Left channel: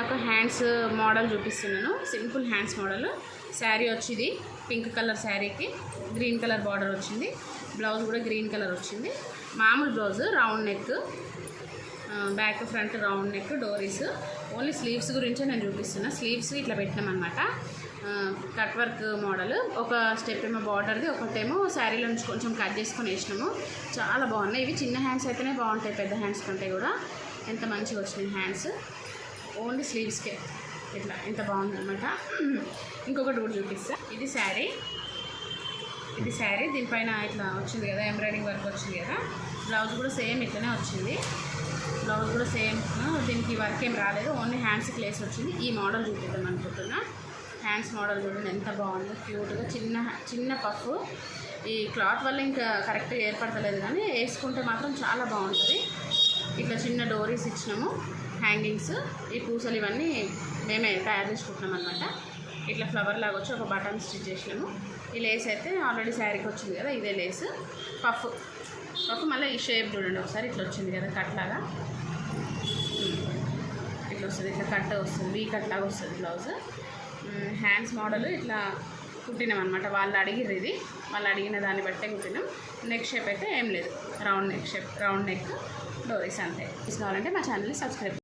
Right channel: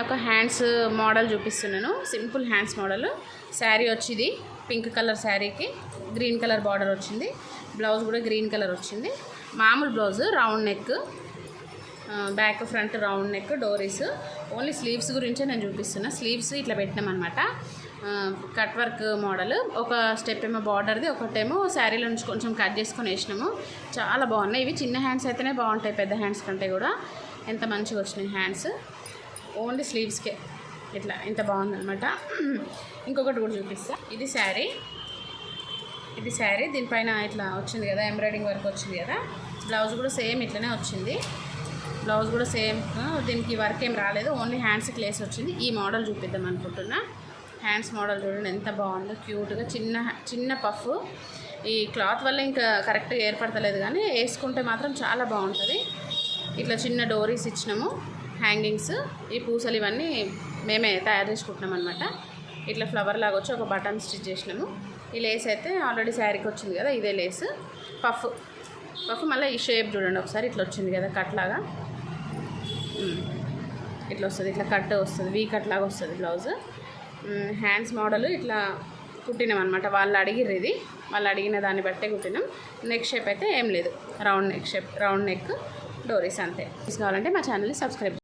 ఒక hands model చూపిస్తున్నాను. Simple hands model. Sari వచ్చింది పింక్ కలర్, శారీకి గ్రీన్ కలర్ బార్డర్ వచ్చింది. బ్లౌజ్ కూడా గ్రీన్ కలర్ వచ్చింది. మామూలు blouse, round neck, back front round neck, డోరీస్. ఓన్లీ స్లీవ్స్ గురించే నేను చూపిస్తున్నా. స్లీవ్స్ ఇట్లా పెట్టినామన్నమాట. Cut work model. ఒక స్టెప్ ఏమో బార్డర్ది, ఒకటేమో శారీలో నుంచి కొంచెం కట్ చేసుకొని వేసినాము. చాలా బాగున్నాయి. ఇవి చిన్న హ్యాండ్స్ అయితేనే బాగుంటాయి, పెద్ద హ్యాండ్స్ కంటే కూడా. ఎంత మంచిగా వచ్చినాయి హ్యాండ్స్. ఓన్లీ స్లీవ్స్కే ఇట్లా ఎంత బాగుందన్నమాట. ఇంకొకటి కూడా చూపిస్తా. ఇది శారీ, దీనిపైన ఇట్లా వచ్చింది కదా, ఎంబ్రాయిడింగ్ వర్క్ వచ్చింది కదా. బ్లౌజ్ కూడా సేమ్ ఇట్లనే వచ్చింది. బ్లౌజ్ కూడా సేమ్, దీనికి వర్క్ ఏం రాలేదు, ఓన్లీ హ్యాండ్స్కి లేస్ వచ్చింది. ఈ మోడల్ చూపిద్దాం అనుకుంటున్నా. హ్యాండ్స్ మోడల్ చూడండి ఎంత బాగుందో, క్యూట్గా. చిన్న పఫ్. ఈ క్లాత్ వల్ల ఇంకా కరెక్ట్గా ఏర్పడతలేదు, కానీ వేసుకుంటే మాత్రం చాలా బాగుంటుంది. ఇట్లా చిన్న డోరీస్ ఇచ్చినాము, హ్యాంగింగ్స్. ఈ పూసలు ఇవన్నీ మేమే తయారు చేసుకుంటున్నాం అనమాట. ఇట్లా ఫ్లవర్ లాగా వచ్చి ఒక బటన్ స్టిచ్ చేసినాము. ఈ లేస్ అయితే ఆల్రెడీ శారీకి వచ్చింది కదా, ఇదే లేస్. పఫ్ మళ్ళీ ఈ షేప్ చూడండి ఒకసారి, ఇట్లా వచ్చింది కదా కట్ లాగా. ఇట్లా వస్తుంది, ఇట్లా కట్ వస్తుంది, వీ కట్ లాగా వస్తుంది బ్లౌజ్. హ్యాండ్స్ మోడల్ ఇట్లా కుట్టినాం అనమాట. వాళ్ళు అడిగిర్రు ఇది, వాళ్ళు అడిగిన దాన్ని బట్టే కుట్టినాం. నెక్ షేప్ అయితే ఏం లేదు, round neck shape, round neck, డోరీస్ అంతే. కావాలంటే మా ఛానల్ని సబ్స్క్రైబ్